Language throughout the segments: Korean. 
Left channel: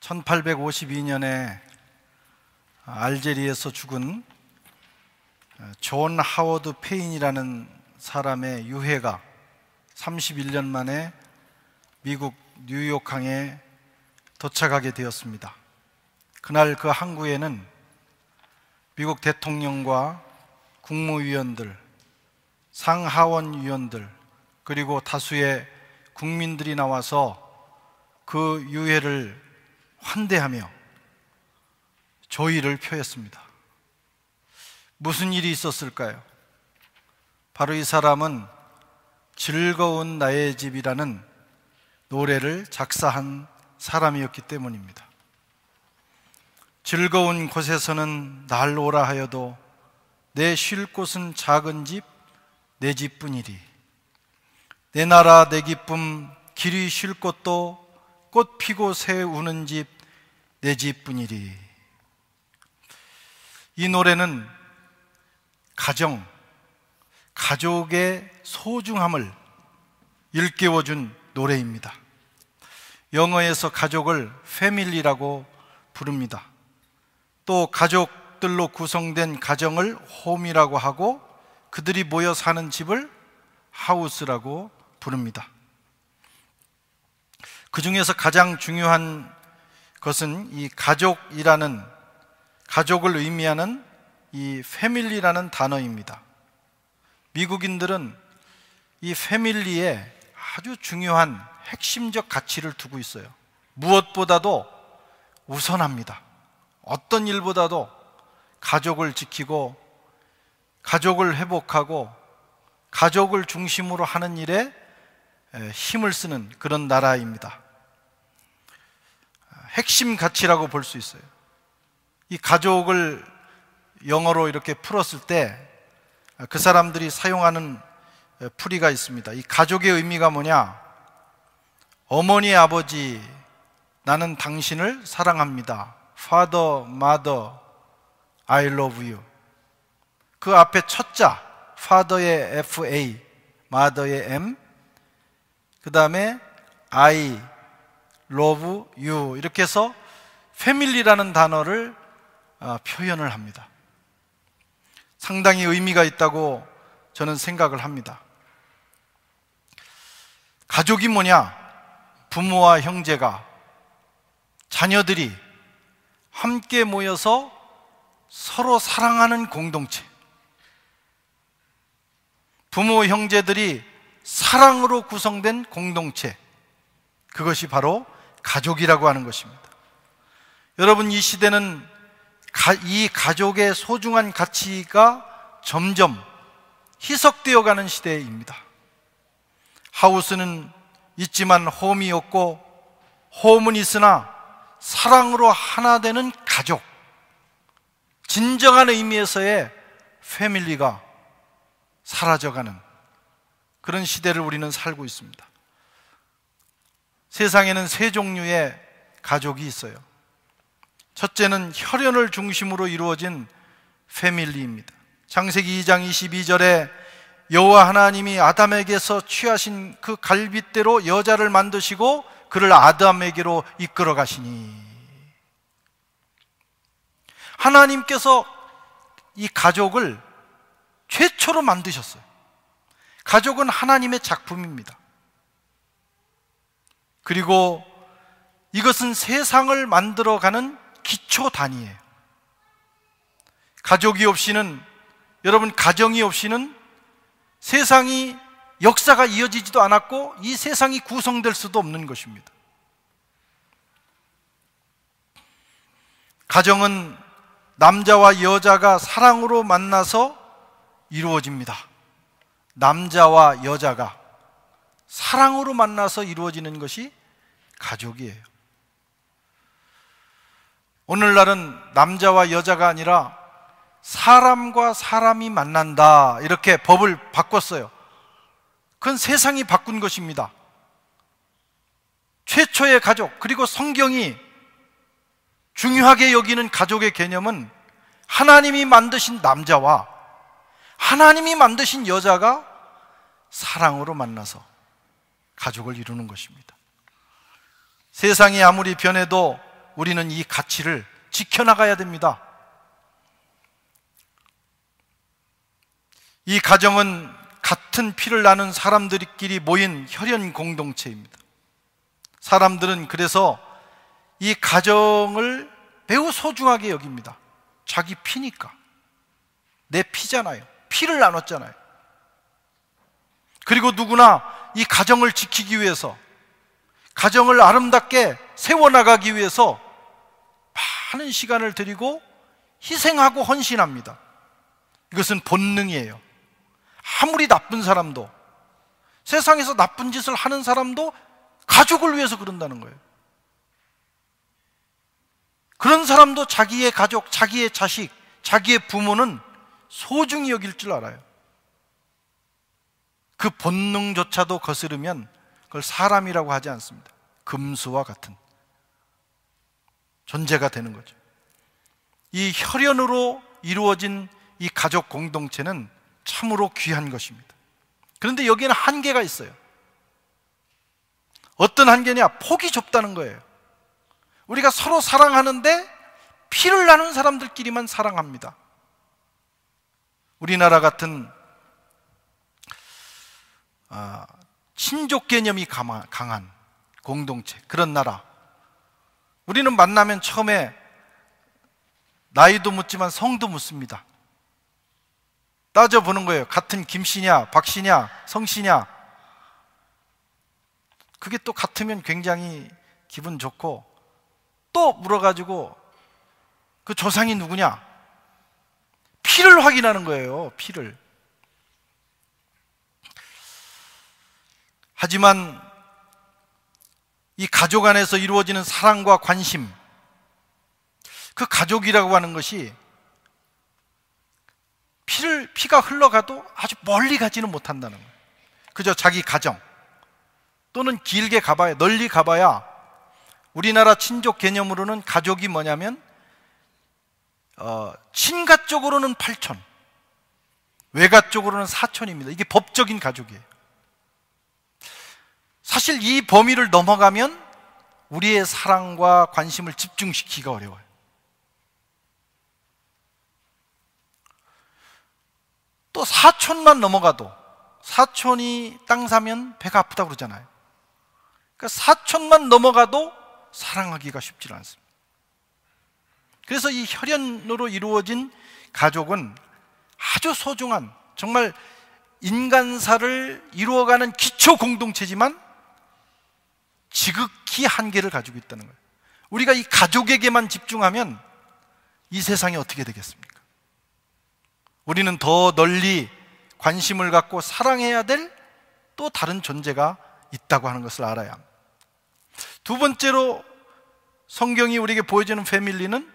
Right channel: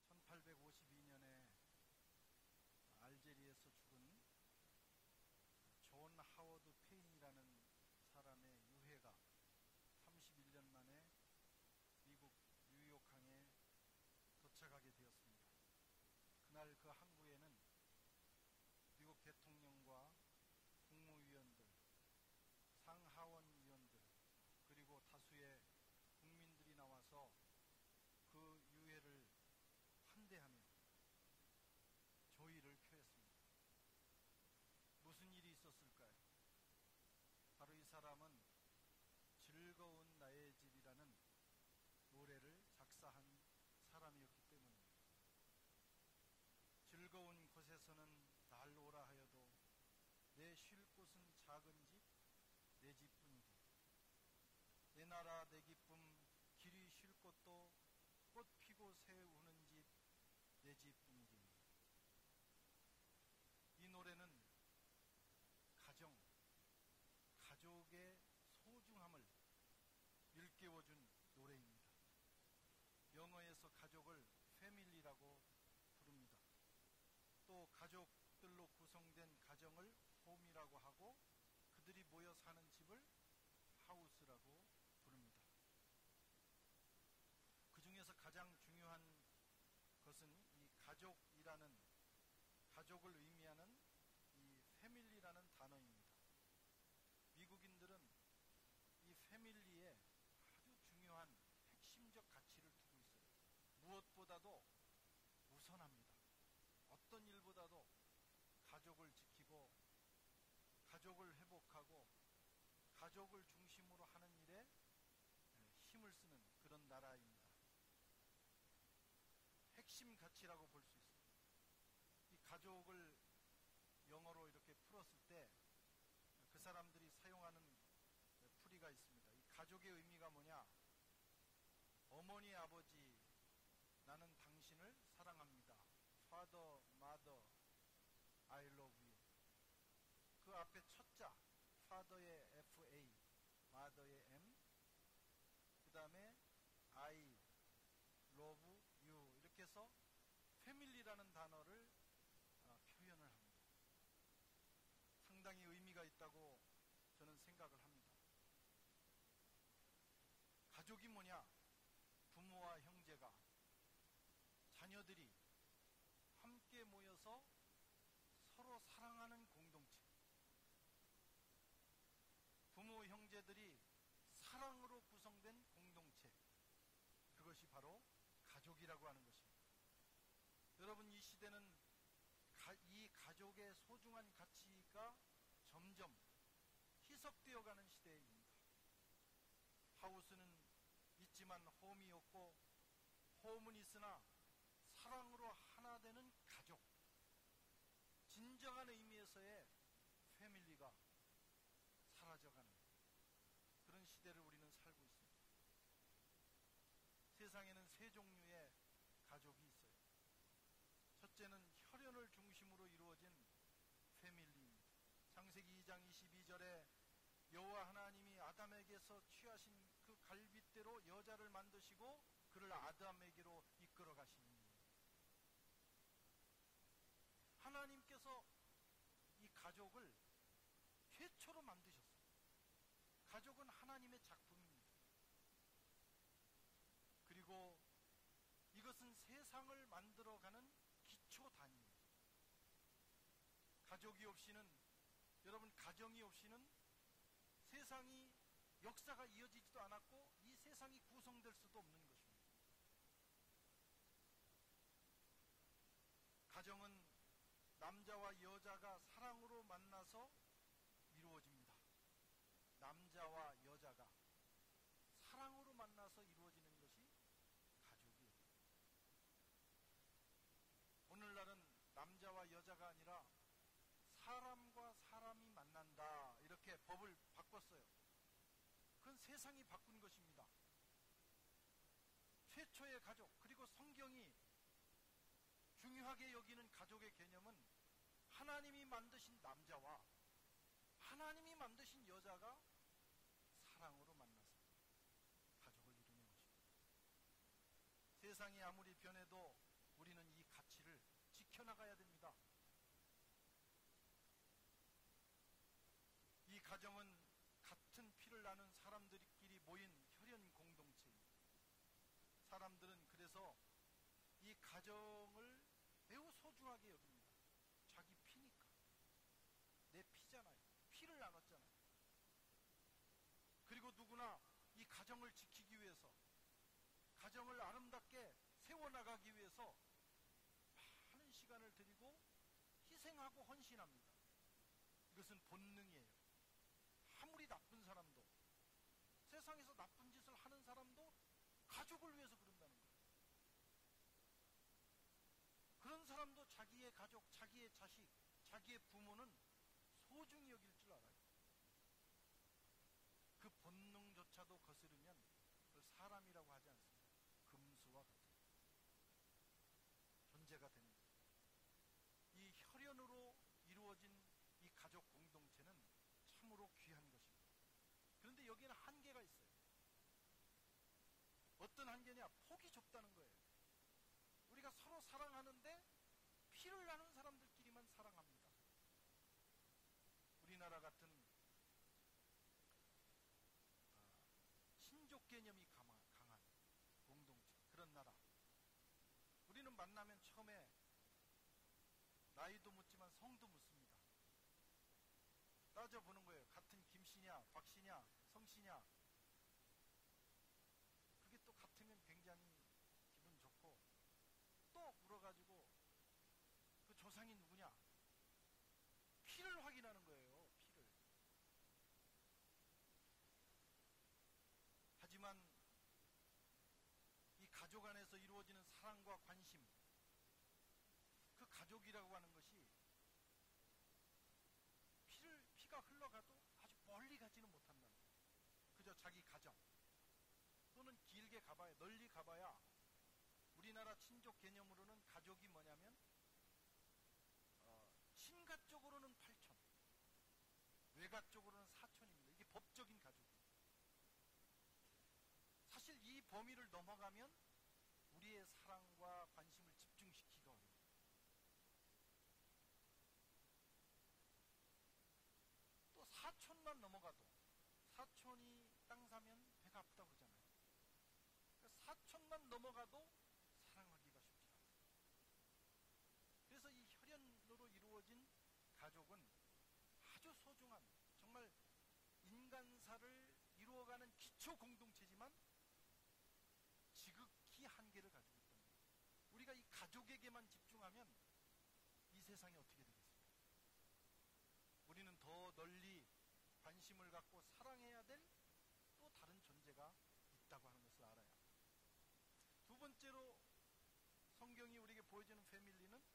1852년에 알제리에서 죽은 존 하워드 페인이라는 사람의 유해가 31년 만에 미국 뉴욕항에 도착하게 되었습니다. 그날 그 항구에는 미국 대통령과 국무위원들, 상하원 위원들, 그리고 다수의 국민들이 나와서 그 유해를 환대하며 조의를 표했습니다. 무슨 일이 있었을까요? 바로 이 사람은 즐거운 나의 집이라는 노래를 작사한 사람이었기 때문입니다. 즐거운 곳에서는 날 오라 하여도 내 쉴 곳은 작은 집, 내 집뿐이리. 내 나라 내 기쁨 길이 쉴 곳도 꽃 피고 새 우는 집, 내 집뿐이리. 이 노래는 가족의 소중함을 일깨워준 노래입니다. 영어에서 가족을 패밀리라고 부릅니다. 또 가족들로 구성된 가정을 홈이라고 하고 그들이 모여 사는 집을 하우스라고 부릅니다. 그 중에서 가장 중요한 것은 이 가족이라는, 가족을 의미하는 이 패밀리라는 단어입니다. 미국인들은 이 패밀리에 아주 중요한 핵심적 가치를 두고 있어요. 무엇보다도 우선합니다. 어떤 일보다도 가족을 지키고 가족을 회복하고 가족을 중심으로 하는 일에 힘을 쓰는 그런 나라입니다. 핵심 가치라고 볼 수 있어요. 이 가족을 영어로 이렇게 풀었을 때 그 사람들이 사용하는 풀이가 있습니다. 이 가족의 의미가 뭐냐? 어머니, 아버지, 나는 당신을 사랑합니다. Father, Mother, I love you. 그 앞에 첫자, Father의 FA, Mother의 M, 그 다음에 I love you, 이렇게 해서 패밀리라는 단어를 표현을 합니다. 상당히 의미가 있다고 저는 생각을 합니다. 가족이 뭐냐? 부모와 형제가, 자녀들이 함께 모여서 서로 사랑하는 공동체, 부모, 형제들이 사랑으로 구성된 공동체, 그것이 바로 가족이라고 하는 것입니다. 여러분, 이 시대는 이 가족의 소중한 가치가 점점 희석되어 가는 시대입니다. 하우스는 있지만 홈이 없고, 홈은 있으나 사랑으로 하나 되는 가족, 진정한 의미에서의 패밀리가 사라져가는 그런 시대를 우리는 살고 있습니다. 세상에는 세 종류의 가족이 있어요. 첫째는 혈연을 중심으로 이루어진 패밀리입니다. 창세기 2장 22절에 여호와 하나님이 아담에게서 취하신 그 갈빗대로 여자를 만드시고 그를 아담에게로 이끌어 가시니, 하나님께서 이 가족을 최초로 만드셨어요. 가족은 하나님의 작품입니다. 그리고 이것은 세상을 만들어가는 기초 단위예요. 가족이 없이는, 여러분, 가정이 없이는 세상이, 역사가 이어지지도 않았고 이 세상이 구성될 수도 없는 것입니다. 가정은 남자와 여자가 사랑으로 만나서 이루어집니다. 남자와 여자가 사랑으로 만나서 이루어지는 것이 가족이에요. 오늘날은 남자와 여자가 아니라 사람과 사람이 만난다, 이렇게 법을 바꿨어요. 그건 세상이 바꾼 것입니다. 최초의 가족, 그리고 성경이 중요하게 여기는 가족의 개념은 하나님이 만드신 남자와 하나님이 만드신 여자가 사랑으로 만나서 가족을 이루는 것입니다. 세상이 아무리 변해도 우리는 이 가치를 지켜나가야 됩니다. 이 가정은 같은 피를 나눈 사람들끼리 모인 혈연 공동체입니다. 사람들은 그래서 이 가정을 매우 소중하게 여깁니다. 자기 피니까. 내 피잖아요. 피를 나눴잖아요. 그리고 누구나 이 가정을 지키기 위해서, 가정을 아름답게 세워나가기 위해서 많은 시간을 들이고 희생하고 헌신합니다. 이것은 본능이에요. 아무리 나쁜 사람도, 세상에서 나쁜 짓을 하는 사람도 가족을 위해서 그런다는 거예요. 그런 사람도 자기의 가족, 자기의 자식, 자기의 부모는 소중히 여길 줄 알아요. 그 본능조차도 거스르면 그걸 사람이라고 하지 않습니다. 금수와 같은 존재가 되는 거죠. 이 혈연으로 이루어진 이 가족 공동체는 참으로 귀한 것입니다. 그런데 여기에는 한계가 있어요. 어떤 한계냐? 폭이 좁다는 거예요. 우리가 서로 사랑하는데 피를 나눈 사람들끼리만 사랑합니다. 우리나라 같은 친족 개념이 강한 공동체, 그런 나라, 우리는 만나면 처음에 나이도 묻지만 성도 묻습니다. 따져보는 거예요. 같은 김씨냐, 박씨냐, 성씨냐. 그게 또 같으면 굉장히 기분 좋고, 또 물어가지고 그 조상이 누구냐, 피를 확인하는 거예요. 피를. 하지만 이 가족 안에서 이루어지는 사랑과 관심, 그 가족이라고 하는 것이 피가 흘러가도 아주 멀리 가지는 못한다는 거예요. 그저 자기 가정, 또는 길게 가봐야, 널리 가봐야, 우리나라 친족 개념으로는 가족이 뭐냐면 친가 쪽으로는 8촌, 외가 쪽으로는 4촌입니다. 이게 법적인 가족이에요. 사실 이 범위를 넘어가면 우리의 사랑과 관심을 집중시키기가 어려워요. 또 4촌만 넘어가도, 4촌이 땅 사면 배가 아프다고 그러잖아요. 그러니까 4촌만 넘어가도 사랑하기가 쉽지 않습니다. 그래서 이 혈연으로 이루어진 가족은 아주 소중한, 정말 인간사를 이루어가는 기초 공동체지만 지극히 한계를 가지고 있다는 거예요. 우리가 이 가족에게만 집중하면 이 세상이 어떻게 되겠습니까? 우리는 더 널리 관심을 갖고 사랑해야 될 또 다른 존재가 있다고 하는 것을 알아야 합니다. 두 번째로 성경이 우리에게 보여주는 패밀리는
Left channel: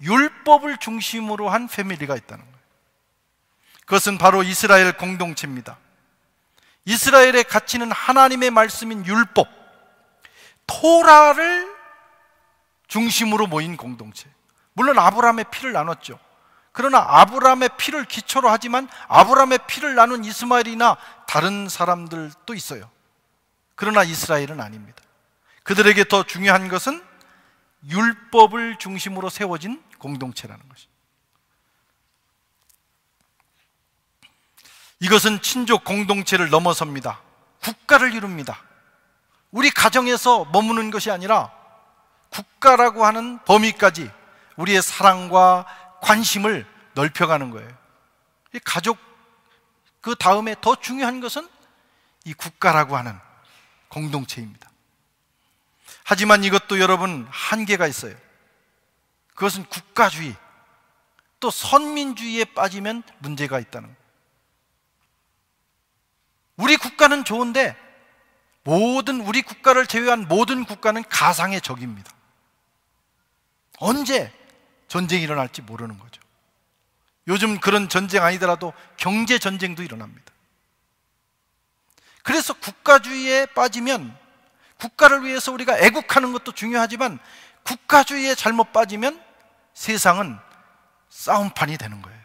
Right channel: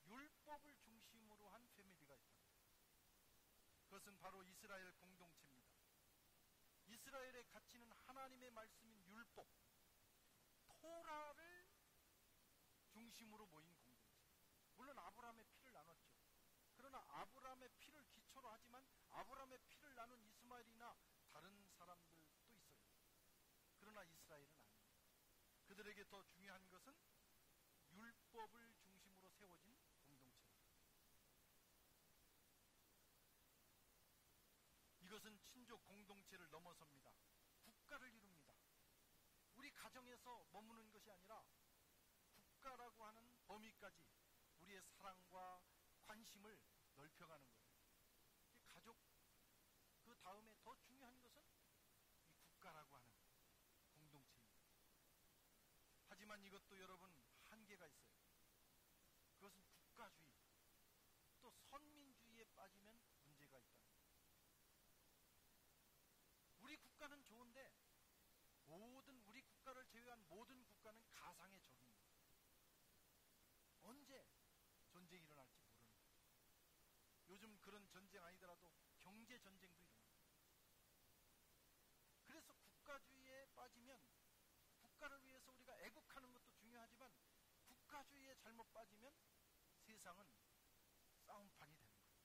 율법을 중심으로 한 패밀리가 있다는 거예요. 그것은 바로 이스라엘 공동체입니다. 이스라엘의 가치는 하나님의 말씀인 율법, 토라를 중심으로 모인 공동체. 물론 아브라함의 피를 나눴죠. 그러나 아브라함의 피를 기초로 하지만 아브라함의 피를 나눈 이스마엘이나 다른 사람들도 있어요. 그러나 이스라엘은 아닙니다. 그들에게 더 중요한 것은 율법을 중심으로 세워진 공동체라는 것입니다. 이것은 친족 공동체를 넘어섭니다. 국가를 이룹니다. 우리 가정에서 머무는 것이 아니라 국가라고 하는 범위까지 우리의 사랑과 관심을 넓혀가는 거예요. 이 가족, 그 다음에 더 중요한 것은 이 국가라고 하는 공동체입니다. 하지만 이것도 여러분 한계가 있어요. 그것은 국가주의, 또 선민주의에 빠지면 문제가 있다는 거예요. 우리 국가는 좋은데 우리 국가를 제외한 모든 국가는 가상의 적입니다. 언제 전쟁이 일어날지 모르는 거죠. 요즘 그런 전쟁 아니더라도 경제 전쟁도 일어납니다. 그래서 국가주의에 빠지면, 국가를 위해서 우리가 애국하는 것도 중요하지만 국가주의에 잘못 빠지면 세상은 싸움판이 되는 거예요.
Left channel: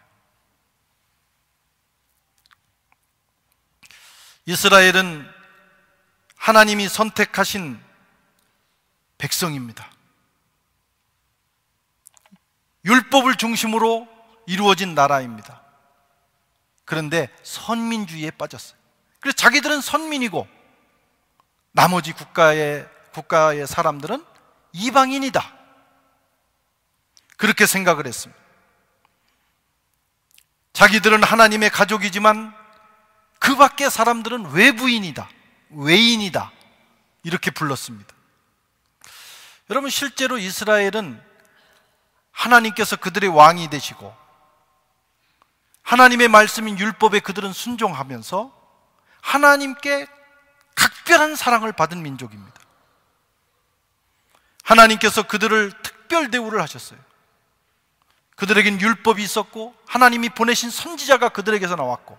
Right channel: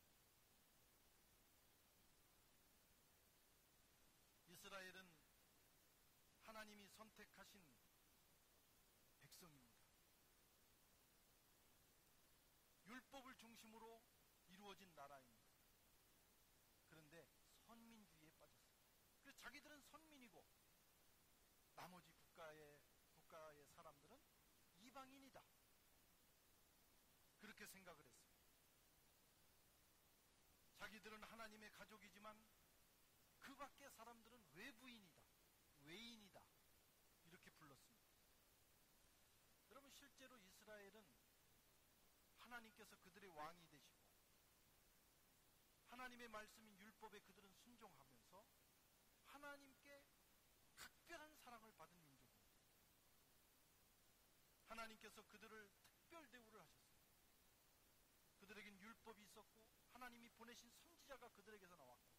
이스라엘은 하나님이 선택하신 백성입니다. 율법을 중심으로 이루어진 나라입니다. 그런데 선민주의에 빠졌어요. 그래서 자기들은 선민이고 나머지 국가의 사람들은 이방인이다, 그렇게 생각을 했습니다. 자기들은 하나님의 가족이지만 그 밖의 사람들은 외부인이다, 외인이다, 이렇게 불렀습니다. 여러분, 실제로 이스라엘은 하나님께서 그들의 왕이 되시고 하나님의 말씀인 율법에 그들은 순종하면서 하나님께 각별한 사랑을 받은 민족입니다. 하나님께서 그들을 특별 대우를 하셨어요. 그들에겐 율법이 있었고 하나님이 보내신 선지자가 그들에게서 나왔고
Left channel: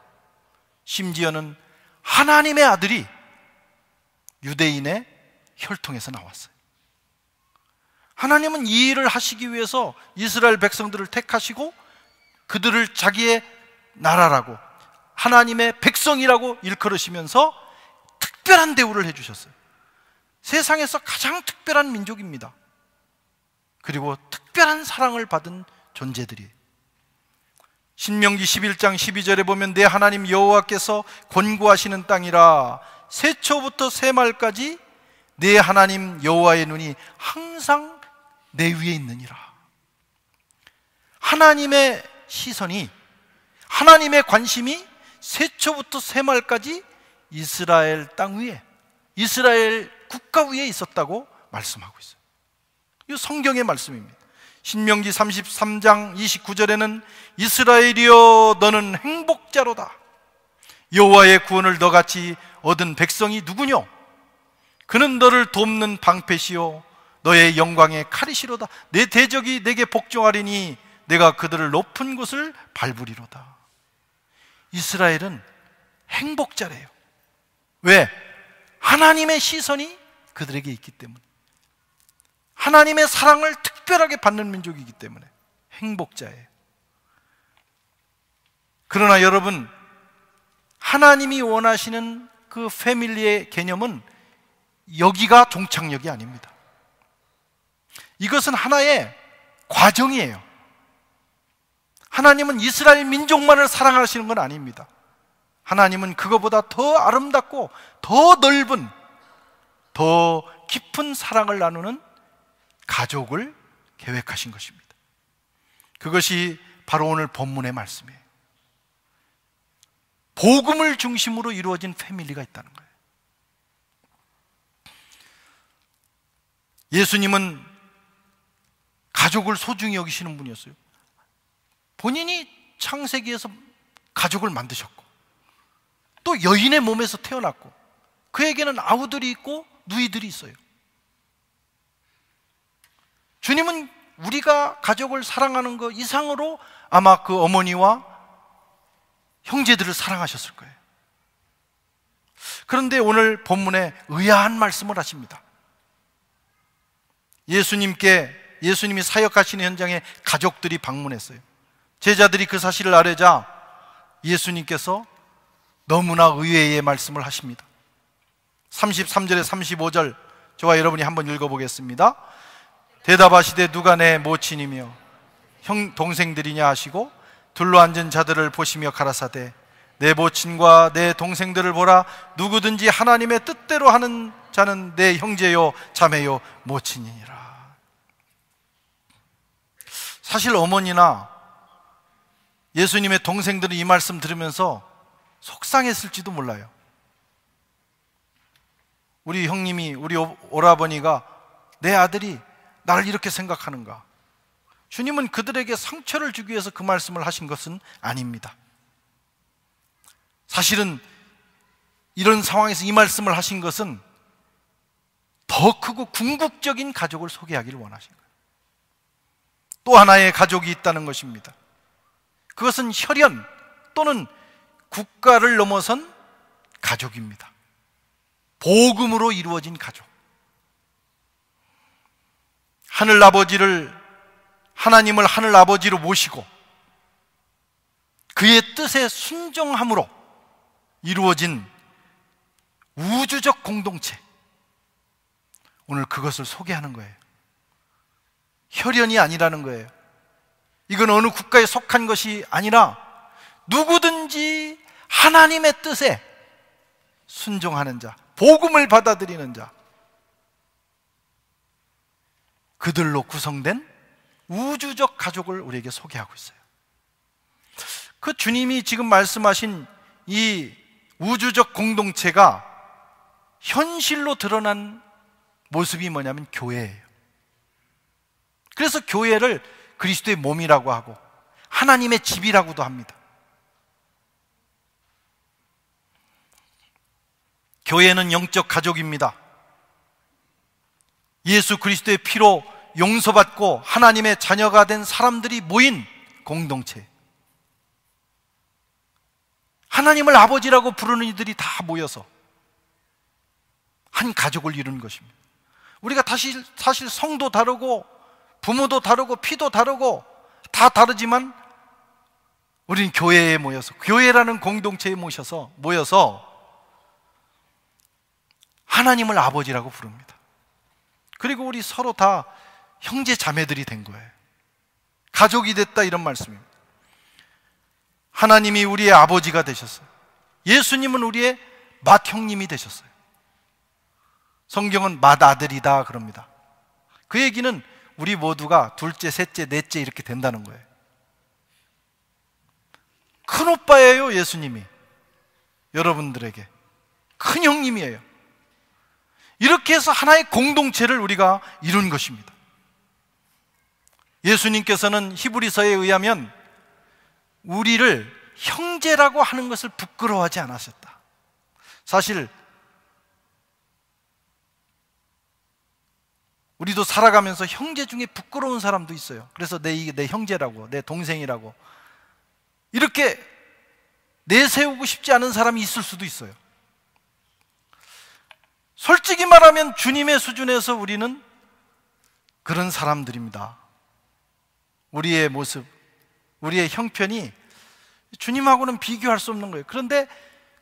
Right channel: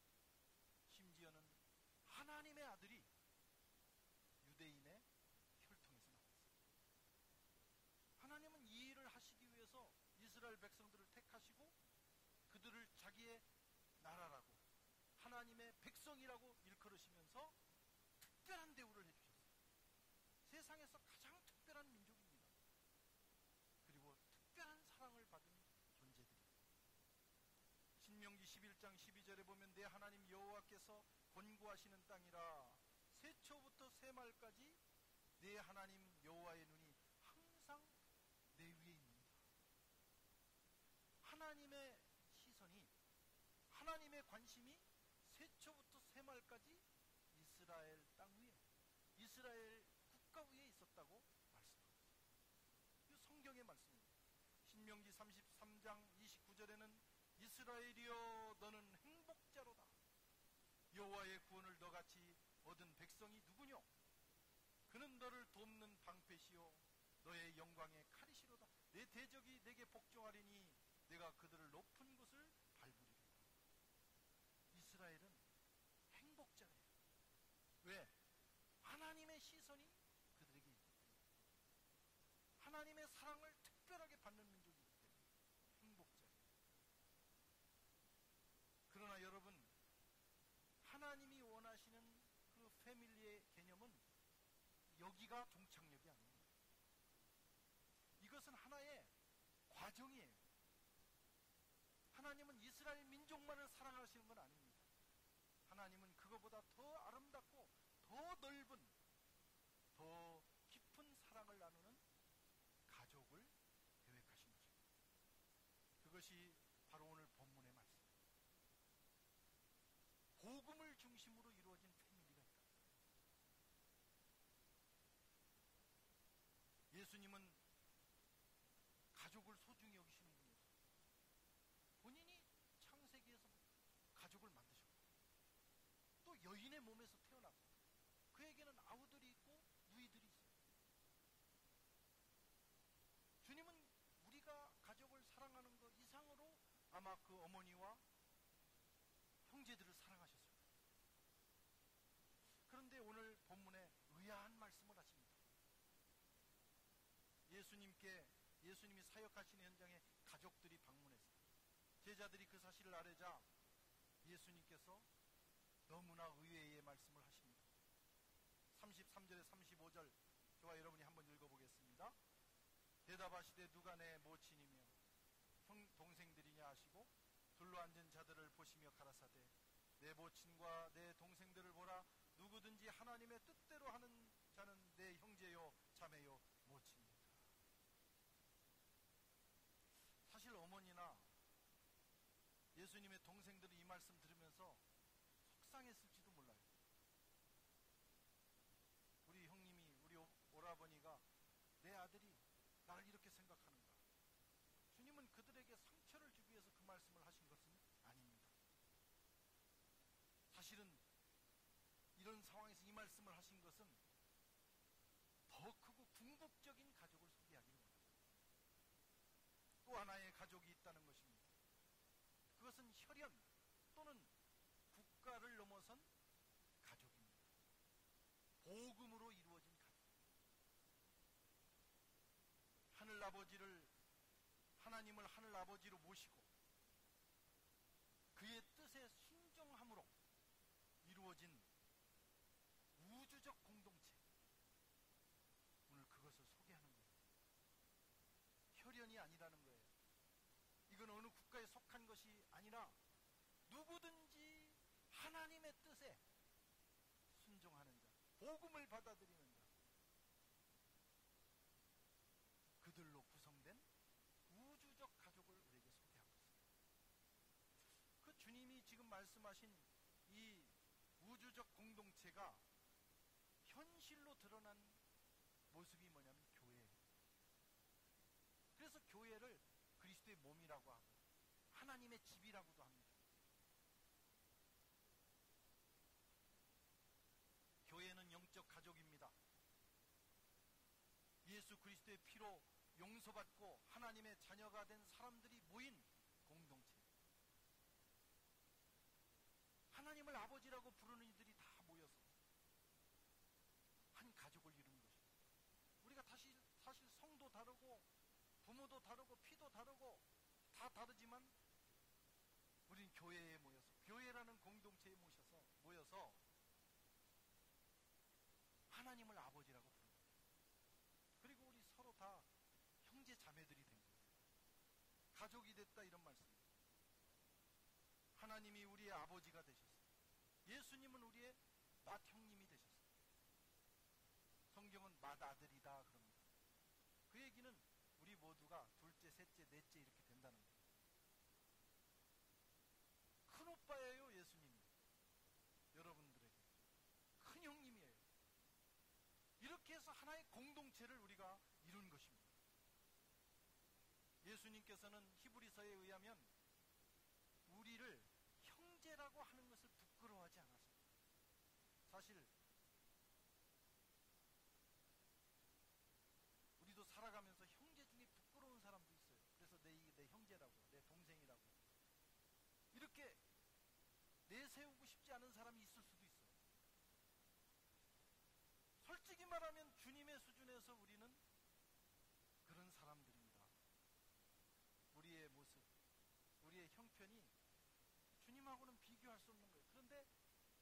심지어는 하나님의 아들이 유대인의 혈통에서 나왔어요. 하나님은 이 일을 하시기 위해서 이스라엘 백성들을 택하시고 그들을 자기의 나라라고, 하나님의 백성이라고 일컬으시면서 특별한 대우를 해주셨어요. 세상에서 가장 특별한 민족입니다. 그리고 특별한 사랑을 받은 존재들이. 신명기 11장 12절에 보면 내 하나님 여호와께서 권고하시는 땅이라 세초부터 세말까지 내 하나님 여호와의 눈이 항상 내 위에 있느니라. 하나님의 시선이, 하나님의 관심이 세초부터 세말까지 이스라엘 땅 위에, 이스라엘 국가 위에 있었다고 말씀하고 있어요. 이 성경의 말씀입니다. 신명기 33장 29절에는 이스라엘이여 너는 행복자로다. 여호와의 구원을 너같이 얻은 백성이 누구뇨? 그는 너를 돕는 방패시요 너의 영광의 칼이시로다. 내 대적이 내게 복종하리니 내가 그들을 높은 곳을 밟으리로다. 이스라엘은 행복자래요. 왜? 하나님의 시선이 그들에게 있기 때문에, 하나님의 사랑을 특별하게 받는 민족이기 때문에 행복자예요. 그러나 여러분, 하나님이 원하시는 그 패밀리의 개념은 여기가 종착역이 아닙니다. 이것은 하나의 과정이에요. 하나님은 이스라엘 민족만을 사랑하시는 건 아닙니다. 하나님은 그거보다 더 아름답고 더 넓은, 더 깊은 사랑을 나누는 가족을 계획하신 것입니다. 그것이 바로 오늘 본문의 말씀이에요. 복음을 중심으로 이루어진 패밀리가 있다는 거예요. 예수님은 가족을 소중히 여기시는 분이었어요. 본인이 창세기에서 가족을 만드셨고 또 여인의 몸에서 태어났고 그에게는 아우들이 있고 누이들이 있어요. 주님은 우리가 가족을 사랑하는 것 이상으로 아마 그 어머니와 형제들을 사랑하셨을 거예요. 그런데 오늘 본문에 의아한 말씀을 하십니다. 예수님이 사역하시는 현장에 가족들이 방문했어요. 제자들이 그 사실을 알자 예수님께서 너무나 의외의 말씀을 하십니다. 33절에 35절 저와 여러분이 한번 읽어보겠습니다. 대답하시되 누가 내 모친이며 형 동생들이냐 하시고 둘러앉은 자들을 보시며 가라사대 내 모친과 내 동생들을 보라. 누구든지 하나님의 뜻대로 하는 자는 내 형제요 자매요 모친이니라. 사실 어머니나 예수님의 동생들은 이 말씀 들으면서 속상했을지도 몰라요. 우리 형님이, 우리 오라버니가 내 아들이 나를 이렇게 생각하는가. 주님은 그들에게 상처를 주기 위해서 그 말씀을 하신 것은 아닙니다. 사실은 이런 상황에서 이 말씀을 하신 것은 더 크고 궁극적인 가족을 소개하기를 원하신 거예요. 또 하나의 가족이 있다는 것입니다. 그것은 혈연 또는 국가를 넘어선 가족입니다. 복음으로 이루어진 가족. 하나님을 하늘 아버지로 모시고 그의 뜻에 순종함으로 이루어진 우주적 공동체. 오늘 그것을 소개하는 거예요. 혈연이 아니라는 거예요. 이건 어느 국가에 속한 것이 아니라 누구든지 하나님의 뜻에 순종하는 자, 복음을 받아들이는 자, 그들로 구성된 우주적 가족을 우리에게 소개하고 있어요. 그 주님이 지금 말씀하신 이 우주적 공동체가 현실로 드러난 모습이 뭐냐면 교회예요. 그래서 교회를 그리스도의 몸이라고 하고 하나님의 집이라고도 합니다. 교회는 영적 가족입니다. 예수 그리스도의 피로 용서받고 하나님의 자녀가 된 사람들이 모인 공동체, 하나님을 아버지라고 부르는 이들이 다 모여서 한 가족을 이루는 것입니다. 우리가 사실 성도 다르고 부모도 다르고 피도 다르고 다 다르지만 우리는 교회에 모여서, 교회라는 공동체에 모여서 하나님을 아버지라고 부릅니다. 그리고 우리 서로 다 형제 자매들이 된 거예요. 가족이 됐다, 이런 말씀입니다. 하나님이 우리의 아버지가 되셨어요. 예수님은 우리의 맏형님이 되셨어요. 성경은 맏아들이다 그럽니다. 그 얘기는 우리 모두가 둘째, 셋째, 넷째 이렇게 된다는 거예요. 큰 오빠예요, 예수님이. 여러분들에게 큰 형님이에요. 이렇게 해서 하나의 공동체를 우리가 이룬 것입니다. 예수님께서는 히브리서에 의하면 우리를 형제라고 하는 것을 부끄러워하지 않으셨다. 사실 우리도 살아가면서 형제 중에 부끄러운 사람도 있어요. 그래서 내 형제라고, 내 동생이라고 이렇게 내세우고 싶지 않은 사람이 있을 수도 있어요. 솔직히 말하면 주님의 수준에서 우리는 그런 사람들입니다. 우리의 모습, 우리의 형편이 주님하고는 비교할 수 없는 거예요. 그런데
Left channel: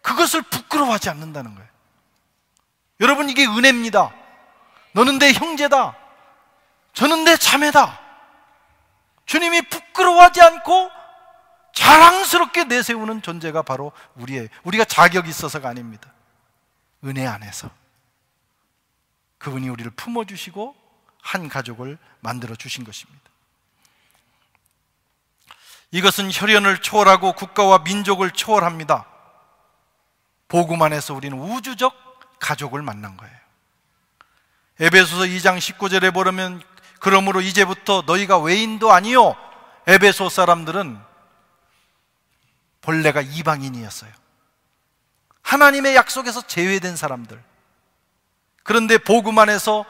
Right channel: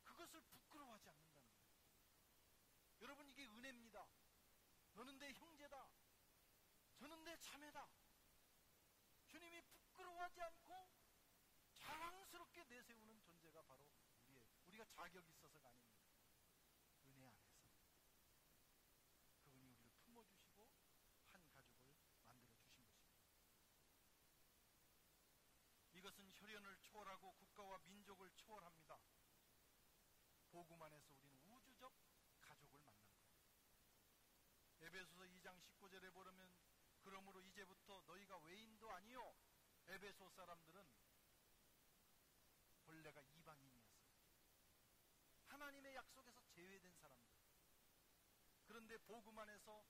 그것을 부끄러워하지 않는다는 거예요. 여러분, 이게 은혜입니다. 너는 내 형제다, 저는 내 자매다. 주님이 부끄러워하지 않고 자랑스럽게 내세우는 존재가 바로 우리가 자격이 있어서가 아닙니다. 은혜 안에서 그분이 우리를 품어주시고 한 가족을 만들어 주신 것입니다. 이것은 혈연을 초월하고 국가와 민족을 초월합니다. 복음 안에서 우리는 우주적 가족을 만난 거예요. 에베소서 2장 19절에 보면 그러므로 이제부터 너희가 외인도 아니요, 에베소 사람들은 본래가 이방인이었어요. 하나님의 약속에서 제외된 사람들. 그런데 복음 안에서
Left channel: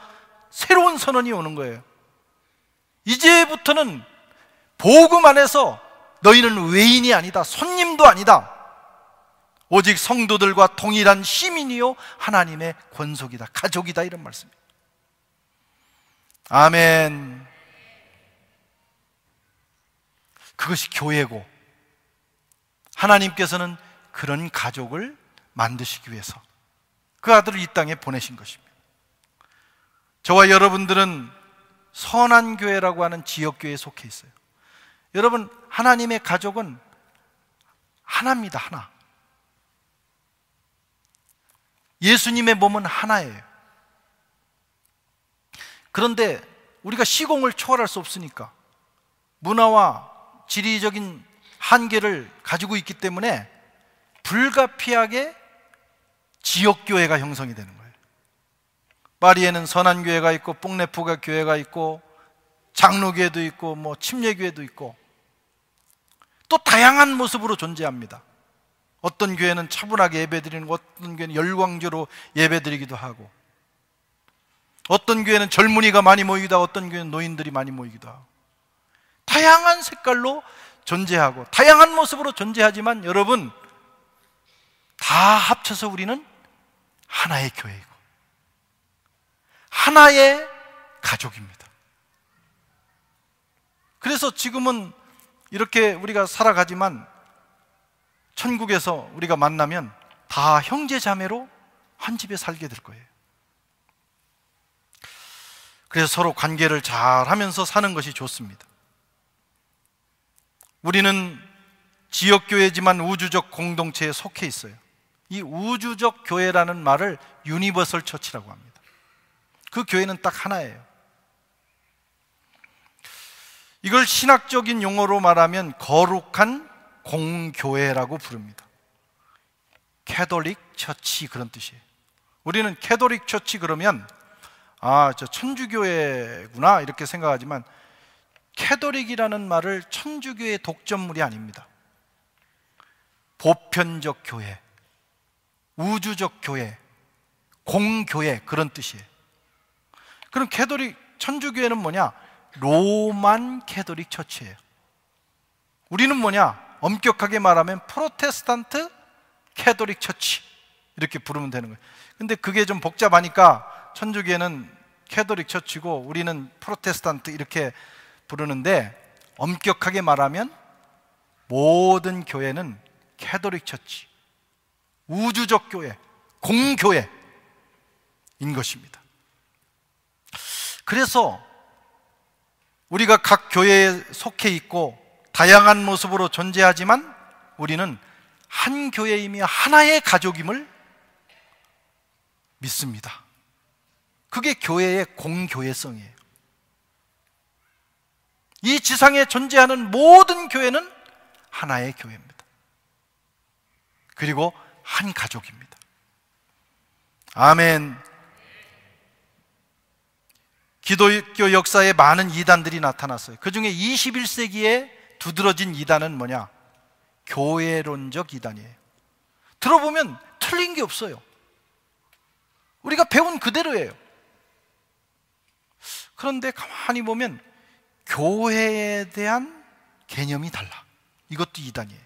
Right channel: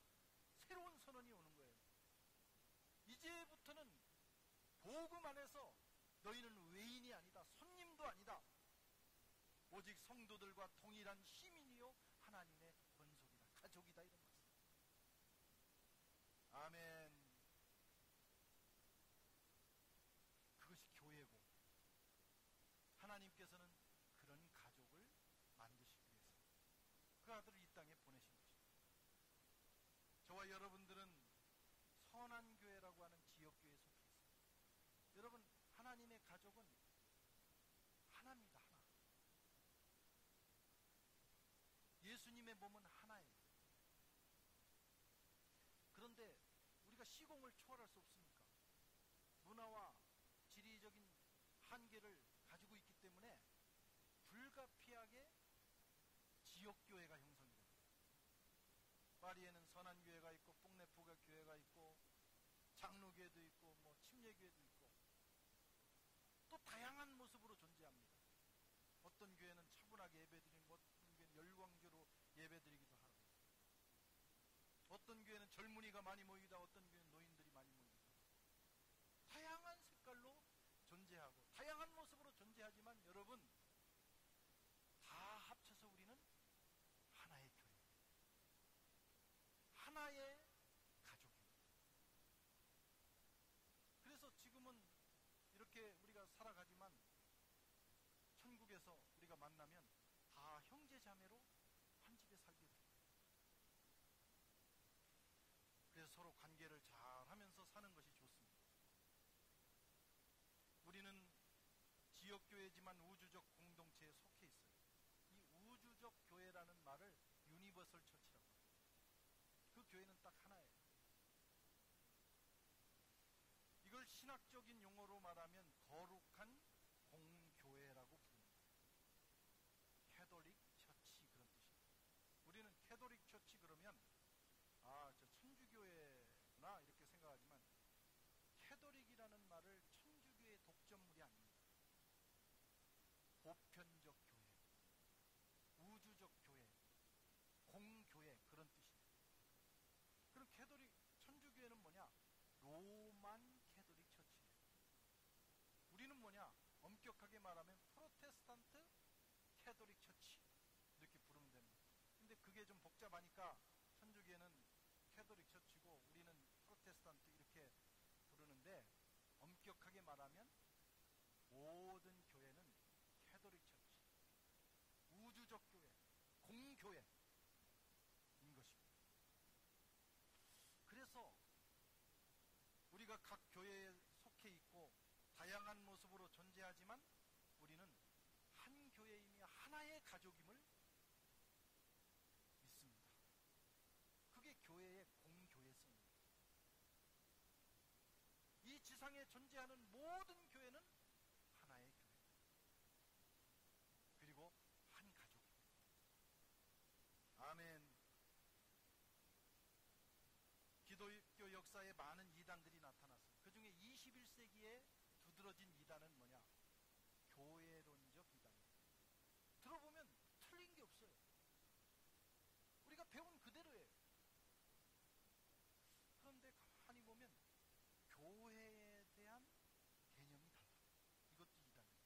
새로운 선언이 오는 거예요. 이제부터는 복음 안에서 너희는 외인이 아니다, 손님도 아니다, 오직 성도들과 동일한 시민이요 하나님의 권속이다, 가족이다, 이런 말씀입니다. 아멘. 그것이 교회고, 하나님께서는 그런 가족을 만드시기 위해서 그 아들을 이 땅에 보내신 것입니다. 저와 여러분들은 선한교회라고 하는 지역교회에 속해 있어요. 여러분, 하나님의 가족은 하나입니다. 하나. 예수님의 몸은 하나예요. 그런데 우리가 시공을 초월할 수 없으니까 문화와 지리적인 한계를 가지고 있기 때문에 불가피하게 지역교회가 형성이 되는 거예요. 파리에는 선한교회가 있고 뽕레프가 교회가 있고 장로교회도 있고 침례교회도 있고 또 다양한 모습으로 존재합니다. 어떤 교회는 차분하게 예배드리는 거, 어떤 교회는 열광조로 예배드리기도 하고, 어떤 교회는 젊은이가 많이 모이기도 하고, 어떤 교회는 노인들이 많이 모이기도 하고, 다양한 색깔로 존재하고 다양한 모습으로 존재하지만 여러분, 다 합쳐서 우리는 하나의 교회이고 하나의 가족입니다. 그래서 지금은 이렇게 우리가 살아가지만 천국에서 우리가 만나면 다 형제 자매로 한 집에 살게 될 거예요. 그래서 서로 관계를 잘 하면서 사는 것이 좋습니다. 우리는 지역교회지만 우주적 공동체에 속해 있어요. 이 우주적 교회라는 말을 유니버설 처치라고 합니다. 그 교회는 딱 하나예요. 이걸 신학적인 용어로 말하면 거룩한 공교회라고 부릅니다. 캐톨릭 처치, 그런 뜻이에요. 우리는 캐톨릭 처치 그러면 저 천주교회구나 이렇게 생각하지만, 캐톨릭이라는 말을 천주교의 독점물이 아닙니다. 보편적 교회, 우주적 교회, 공교회, 그런 뜻이에요. 그럼 캐톨릭, 천주교회는 뭐냐? 로만 캐톨릭 처치예요. 우리는 뭐냐? 엄격하게 말하면 프로테스탄트 캐톨릭 처치, 이렇게 부르면 되는 거예요. 근데 그게 좀 복잡하니까 천주교회는 캐톨릭 처치고 우리는 프로테스탄트 이렇게 부르는데, 엄격하게 말하면 모든 교회는 캐톨릭 처치, 우주적 교회, 공교회인 것입니다. 그래서 우리가 각 교회에 속해 있고 다양한 모습으로 존재하지만 우리는 한 교회이며 하나의 가족임을 믿습니다. 그게 교회의 공교회성이에요. 이 지상에 존재하는 모든 교회는 하나의 교회입니다. 그리고 한 가족입니다. 아멘. 기독교 역사에 많은 이단들이 나타났어요. 그 중에 21세기에 두드러진 이단은 뭐냐? 교회론적 이단이에요. 들어보면 틀린 게 없어요. 우리가 배운 그대로예요. 그런데 가만히 보면 교회에 대한 개념이 달라. 이것도 이단이에요.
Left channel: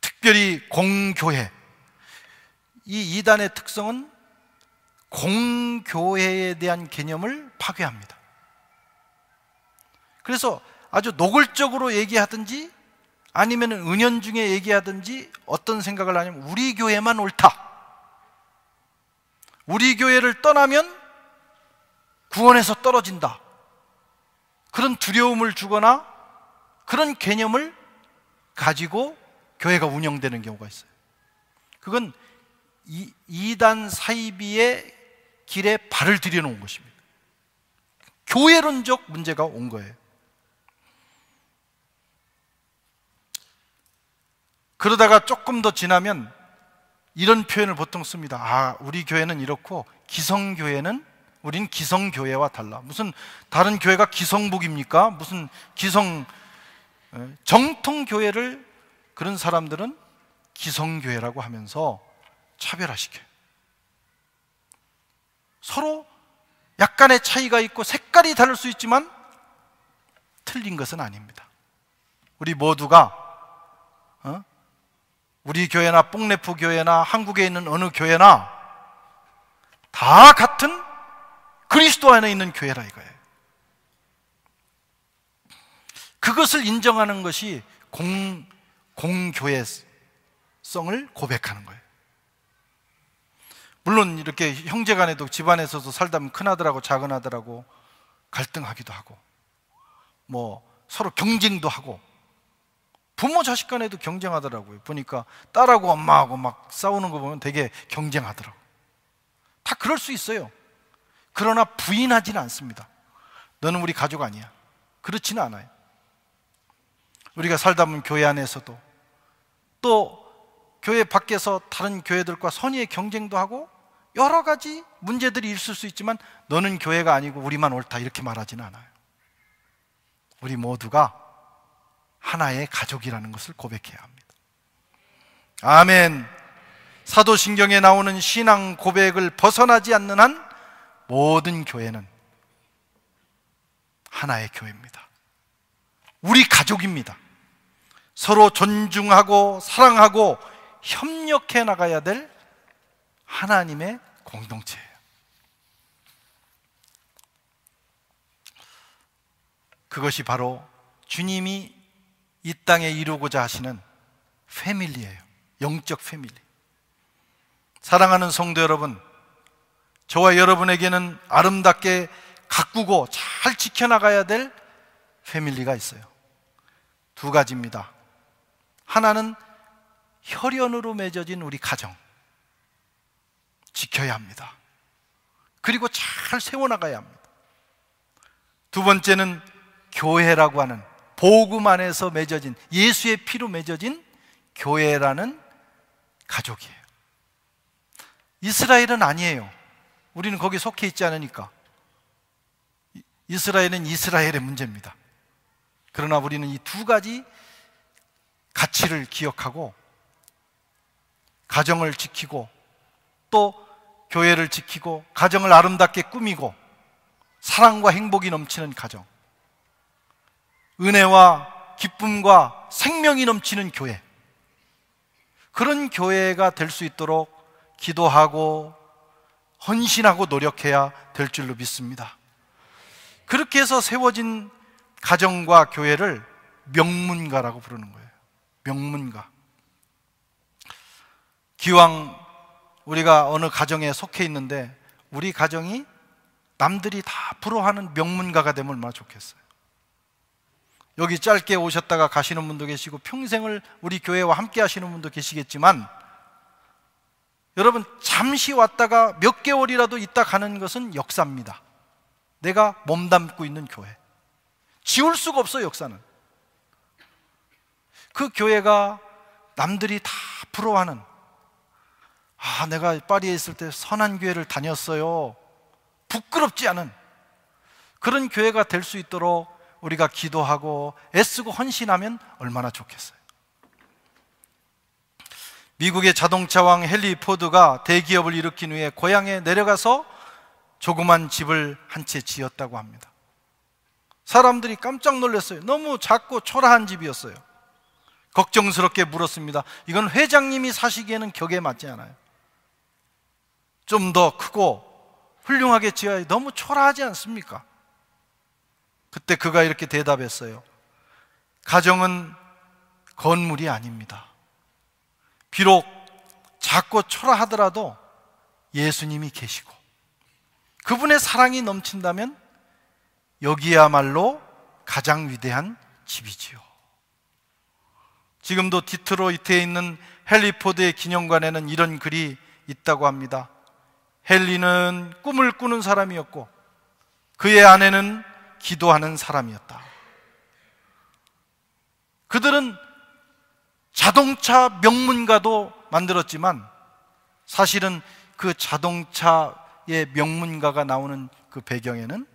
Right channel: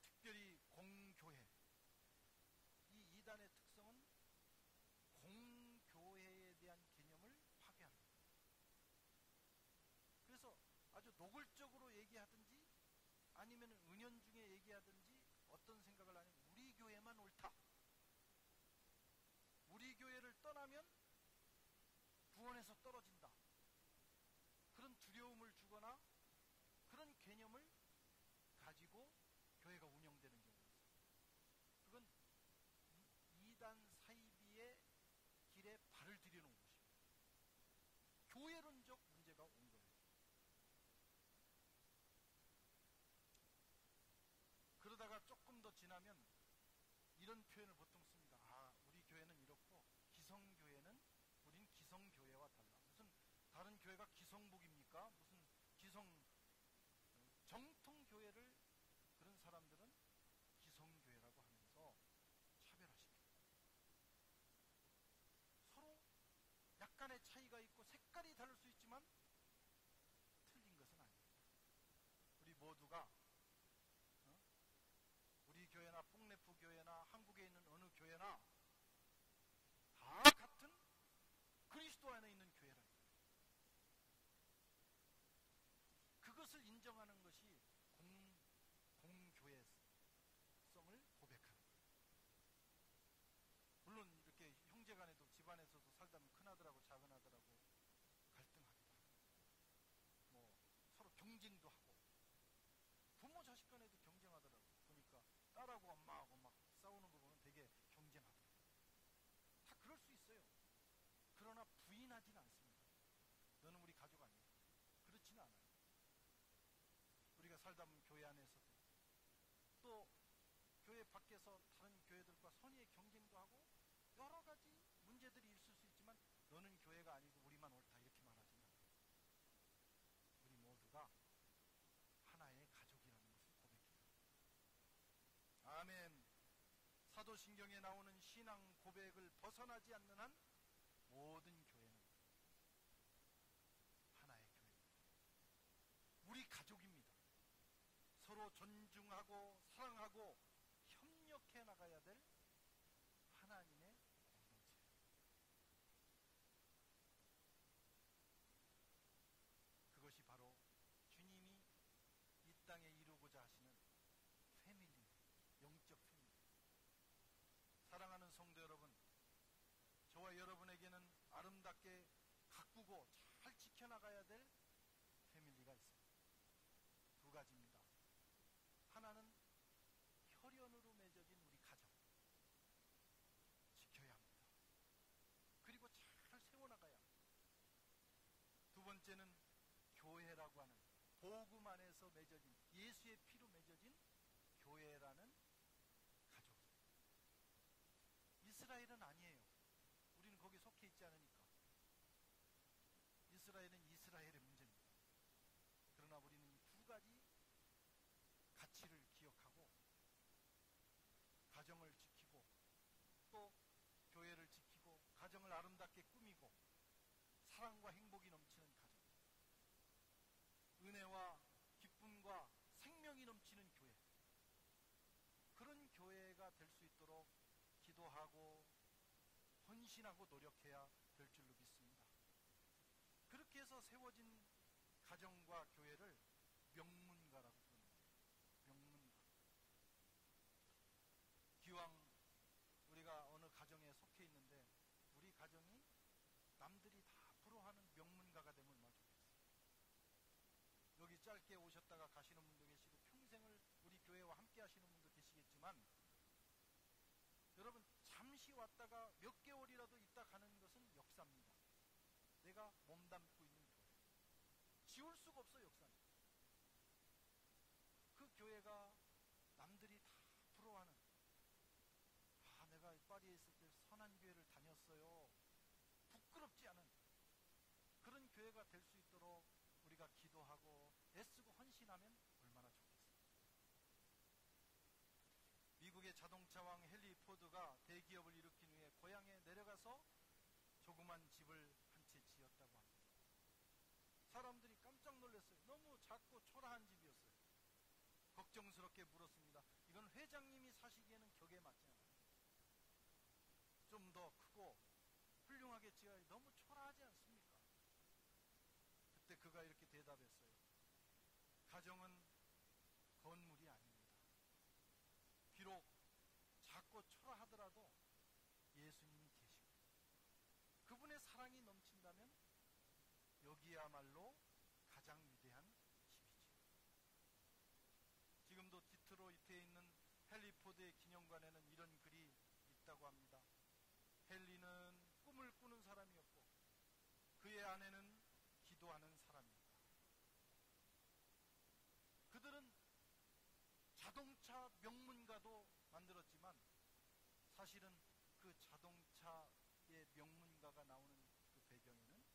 특별히 공교회, 이 이단의 특성은 공교회에 대한 개념을 파괴합니다. 그래서 아주 노골적으로 얘기하든지 아니면 은연중에 얘기하든지 어떤 생각을 하냐면, 우리 교회만 옳다, 우리 교회를 떠나면 구원에서 떨어진다, 그런 두려움을 주거나 그런 개념을 가지고 교회가 운영되는 경우가 있어요. 그건 이단 사이비의 길에 발을 들여놓은 것입니다. 교회론적 문제가 온 거예요. 그러다가 조금 더 지나면 이런 표현을 보통 씁니다. 우리 교회는 이렇고 기성교회는, 우린 기성교회와 달라. 무슨 다른 교회가 기성복입니까? 무슨 정통교회를 그런 사람들은 기성교회라고 하면서 차별화시켜요. 서로 약간의 차이가 있고 색깔이 다를 수 있지만 틀린 것은 아닙니다. 우리 모두가 우리 교회나 뽕레프 교회나 한국에 있는 어느 교회나 다 같은 그리스도 안에 있는 교회라 이거예요. 그것을 인정하는 것이 공교회성을 고백하는 거예요. 물론 이렇게 형제간에도 집안에서도 살다 보면 큰아들하고 작은아들하고 갈등하기도 하고 뭐 서로 경쟁도 하고, 부모 자식 간에도 경쟁하더라고요. 보니까 딸하고 엄마하고 막 싸우는 거 보면 되게 경쟁하더라고요. 다 그럴 수 있어요. 그러나 부인하지는 않습니다. 너는 우리 가족 아니야. 그렇지는 않아요. 우리가 살다 보면 교회 안에서도 또 교회 밖에서 다른 교회들과 선의의 경쟁도 하고 여러 가지 문제들이 있을 수 있지만, 너는 교회가 아니고 우리만 옳다 이렇게 말하지는 않아요. 우리 모두가 하나의 가족이라는 것을 고백해야 합니다. 아멘. 사도신경에 나오는 신앙 고백을 벗어나지 않는 한 모든 교회는 하나의 교회입니다. 우리 가족입니다. 서로 존중하고 사랑하고 협력해 나가야 될 하나님의 공동체예요. 그것이 바로 주님이 이 땅에 이루고자 하시는 패밀리예요. 영적 패밀리. 사랑하는 성도 여러분, 저와 여러분에게는 아름답게 가꾸고 잘 지켜나가야 될 패밀리가 있어요. 두 가지입니다. 하나는 혈연으로 맺어진 우리 가정, 지켜야 합니다. 그리고 잘 세워나가야 합니다. 두 번째는 교회라고 하는 복음 안에서 맺어진, 예수의 피로 맺어진 교회라는 가족이에요. 이스라엘은 아니에요. 우리는 거기 속해 있지 않으니까. 이스라엘은 이스라엘의 문제입니다. 그러나 우리는 이 두 가지 가치를 기억하고 가정을 지키고 또 교회를 지키고 가정을 아름답게 꾸미고 사랑과 행복이 넘치는 가정, 은혜와 기쁨과 생명이 넘치는 교회, 그런 교회가 될 수 있도록 기도하고 헌신하고 노력해야 될 줄로 믿습니다. 그렇게 해서 세워진 가정과 교회를 명문가라고 부르는 거예요. 명문가. 기왕 우리가 어느 가정에 속해 있는데 우리 가정이 남들이 다 부러워하는 명문가가 되면 얼마나 좋겠어요. 여기 짧게 오셨다가 가시는 분도 계시고 평생을 우리 교회와 함께 하시는 분도 계시겠지만, 여러분 잠시 왔다가 몇 개월이라도 있다 가는 것은 역사입니다. 내가 몸담고 있는 교회, 지울 수가 없어요. 역사는. 그 교회가 남들이 다 부러워하는, 내가 파리에 있을 때 선한 교회를 다녔어요, 부끄럽지 않은 그런 교회가 될 수 있도록 우리가 기도하고 애쓰고 헌신하면 얼마나 좋겠어요. 미국의 자동차왕 헨리 포드가 대기업을 일으킨 후에 고향에 내려가서 조그만 집을 한 채 지었다고 합니다. 사람들이 깜짝 놀랐어요. 너무 작고 초라한 집이었어요. 걱정스럽게 물었습니다. 이건 회장님이 사시기에는 격에 맞지 않아요. 좀 더 크고 훌륭하게 지어야, 너무 초라하지 않습니까? 그때 그가 이렇게 대답했어요. 가정은 건물이 아닙니다. 비록 작고 초라하더라도 예수님이 계시고 그분의 사랑이 넘친다면 여기야말로 가장 위대한 집이지요. 지금도 디트로이트에 있는 헨리 포드의 기념관에는 이런 글이 있다고 합니다. 헨리는 꿈을 꾸는 사람이었고 그의 아내는 기도하는 사람이었다. 그들은 자동차 명문가도 만들었지만 사실은 그 자동차의 명문가가 나오는 그 배경에는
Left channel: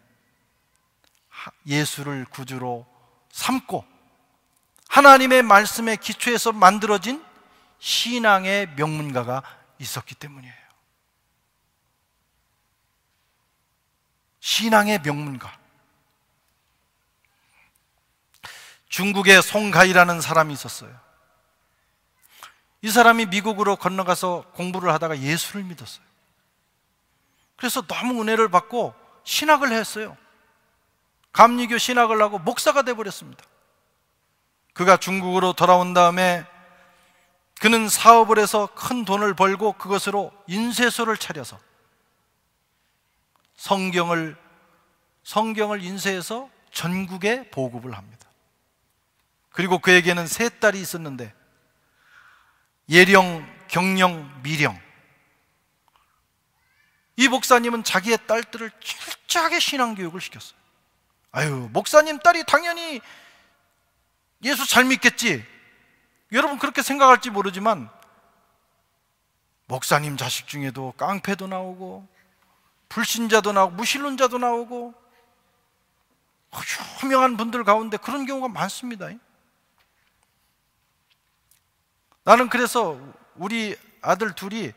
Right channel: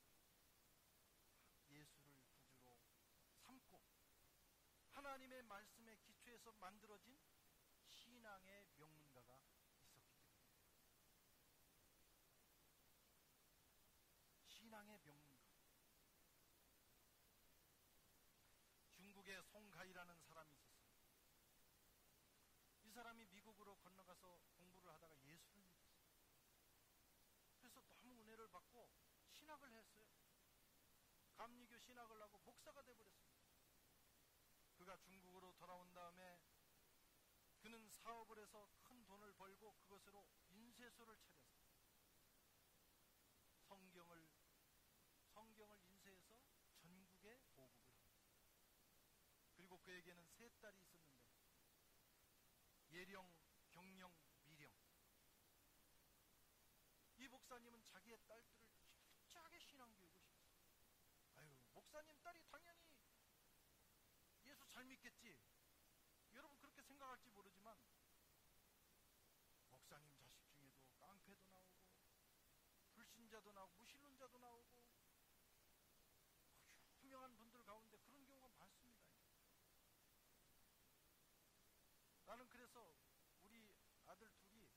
예수를 구주로 삼고 하나님의 말씀에 기초해서 만들어진 신앙의 명문가가 있었기 때문이에요. 신앙의 명문가. 중국에 송가이라는 사람이 있었어요. 이 사람이 미국으로 건너가서 공부를 하다가 예수를 믿었어요. 그래서 너무 은혜를 받고 신학을 했어요. 감리교 신학을 하고 목사가 되어버렸습니다. 그가 중국으로 돌아온 다음에 그는 사업을 해서 큰 돈을 벌고 그것으로 인쇄소를 차려서 성경을 인쇄해서 전국에 보급을 합니다. 그리고 그에게는 세 딸이 있었는데 예령, 경령, 미령. 이 목사님은 자기의 딸들을 철저하게 신앙교육을 시켰어요. 목사님 딸이 당연히 예수 잘 믿겠지. 여러분 그렇게 생각할지 모르지만 목사님 자식 중에도 깡패도 나오고 불신자도 나오고 무신론자도 나오고 유명한 분들 가운데 그런 경우가 많습니다. 나는 그래서 우리 아들 둘이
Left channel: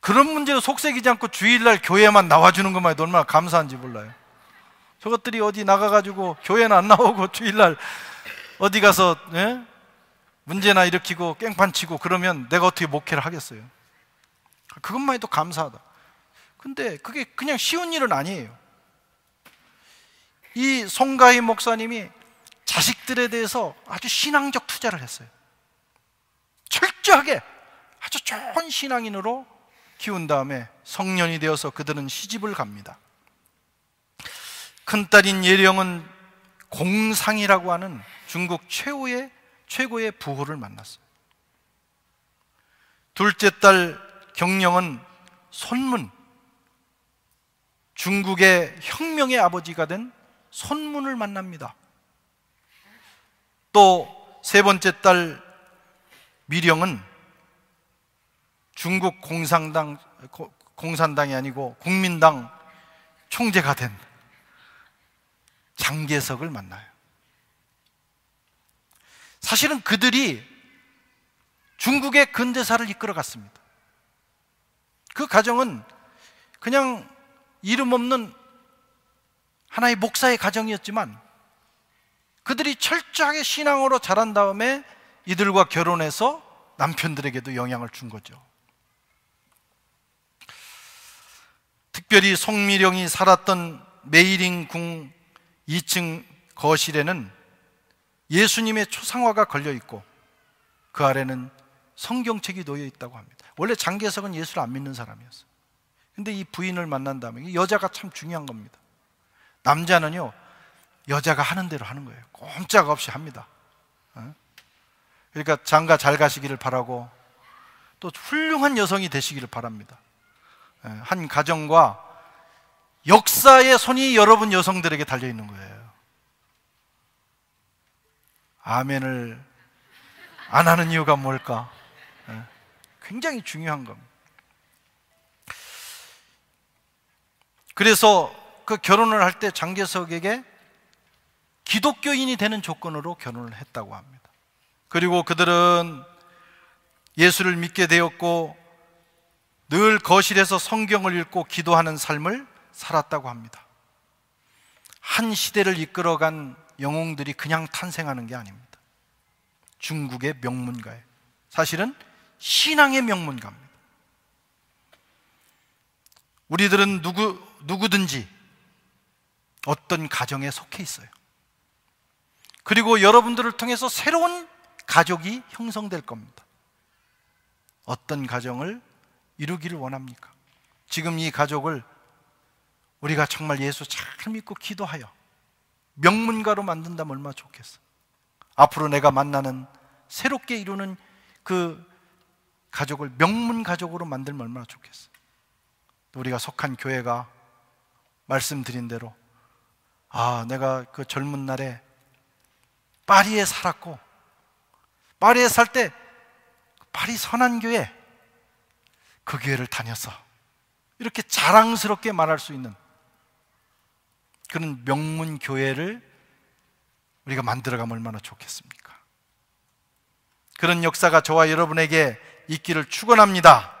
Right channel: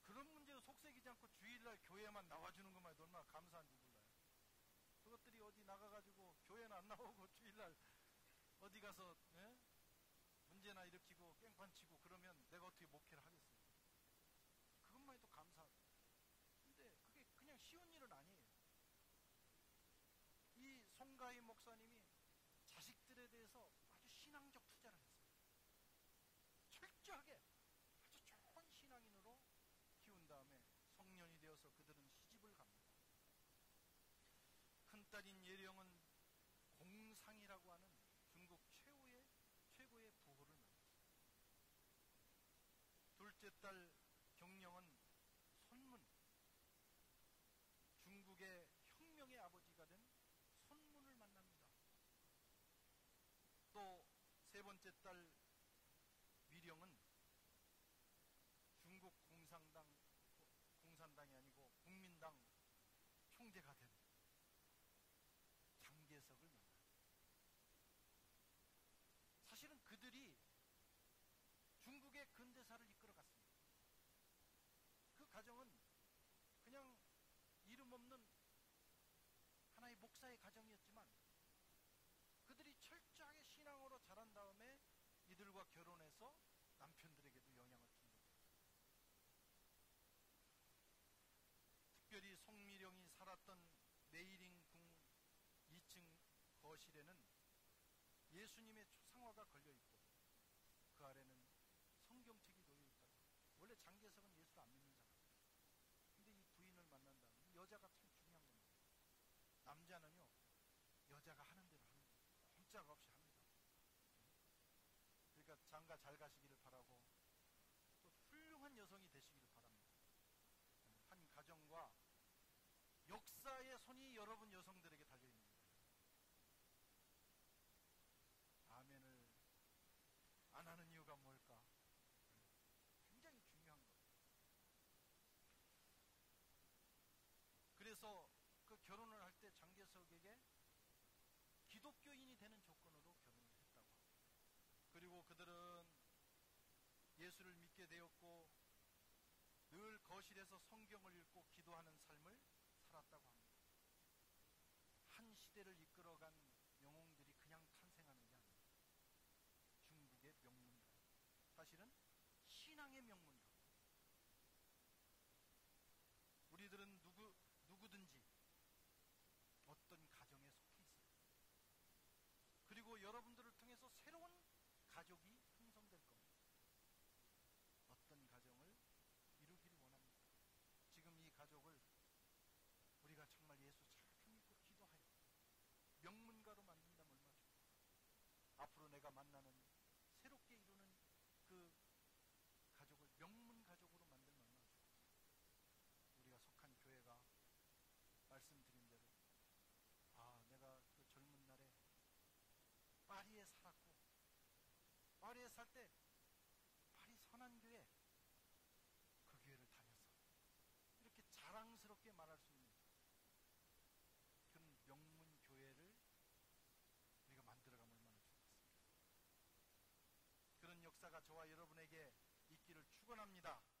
그런 문제로 속색이지 않고 주일날 교회만 나와주는 것만 해도 얼마나 감사한지 몰라요. 저것들이 어디 나가가지고 교회는 안 나오고 주일날 어디 가서 문제나 일으키고 깽판 치고 그러면 내가 어떻게 목회를 하겠어요. 그것만 해도 감사하다. 근데 그게 그냥 쉬운 일은 아니에요. 이 송가희 목사님이 자식들에 대해서 아주 신앙적 투자를 했어요. 철저하게 아주 좋은 신앙인으로 키운 다음에 성년이 되어서 그들은 시집을 갑니다. 큰딸인 예령은 공상이라고 하는 중국 최고의 부호를 만났어요. 둘째 딸 경령은 손문, 중국의 혁명의 아버지가 된 손문을 만납니다. 또 세 번째 딸 미령은 중국 공산당이 아니고 국민당 총재가 된 장개석을 만나요. 사실은 그들이 중국의 근대사를 이끌어갔습니다. 그 가정은 그냥 이름 없는 하나의 목사의 가정이었지만 그들이 철저하게 신앙으로 자란 다음에 이들과 결혼해서 남편들에게도 영향을 준 거죠. 특별히 송미령이 살았던 메이링궁 2층 거실에는 예수님의 초상화가 걸려 있고 그 아래는 성경책이 놓여 있다고 합니다. 원래 장개석은 예수를 안 믿는 사람이었어요. 근데 이 부인을 만난 다음에, 여자가 참 중요한 겁니다. 남자는요, 여자가 하는 대로 하는 거예요. 꼼짝없이 합니다. 그러니까 장가 잘 가시기를 바라고 또 훌륭한 여성이 되시기를 바랍니다. 한 가정과 역사의 손이 여러분 여성들에게 달려 있는 거예요. 아멘을 안 하는 이유가 뭘까? 굉장히 중요한 겁니다. 그래서 그 결혼을 할 때 장개석에게 기독교인이 되는 조건으로 결혼을 했다고 합니다. 그리고 그들은 예수를 믿게 되었고 늘 거실에서 성경을 읽고 기도하는 삶을 살았다고 합니다. 한 시대를 이끌어간 영웅들이 그냥 탄생하는 게 아닙니다. 중국의 명문가예요. 사실은 신앙의 명문가입니다. 우리들은 누구든지 어떤 가정에 속해 있어요. 그리고 여러분들을 통해서 새로운 가족이 형성될 겁니다. 어떤 가정을 이루기를 원합니까? 지금 이 가족을 우리가 정말 예수 잘 믿고 기도하여 명문가로 만든다면 얼마나 좋겠어. 앞으로 내가 만나는 새롭게 이루는 그 가족을 명문가족으로 만들면 얼마나 좋겠어. 우리가 속한 교회가 말씀드린 대로 내가 그 젊은 날에 파리에 살았고 파리에 살 때 파리 선한교회 그 교회를 다녔어, 이렇게 자랑스럽게 말할 수 있는 그런 명문교회를 우리가 만들어가면 얼마나 좋겠습니까? 그런 역사가 저와 여러분에게 있기를 축원합니다.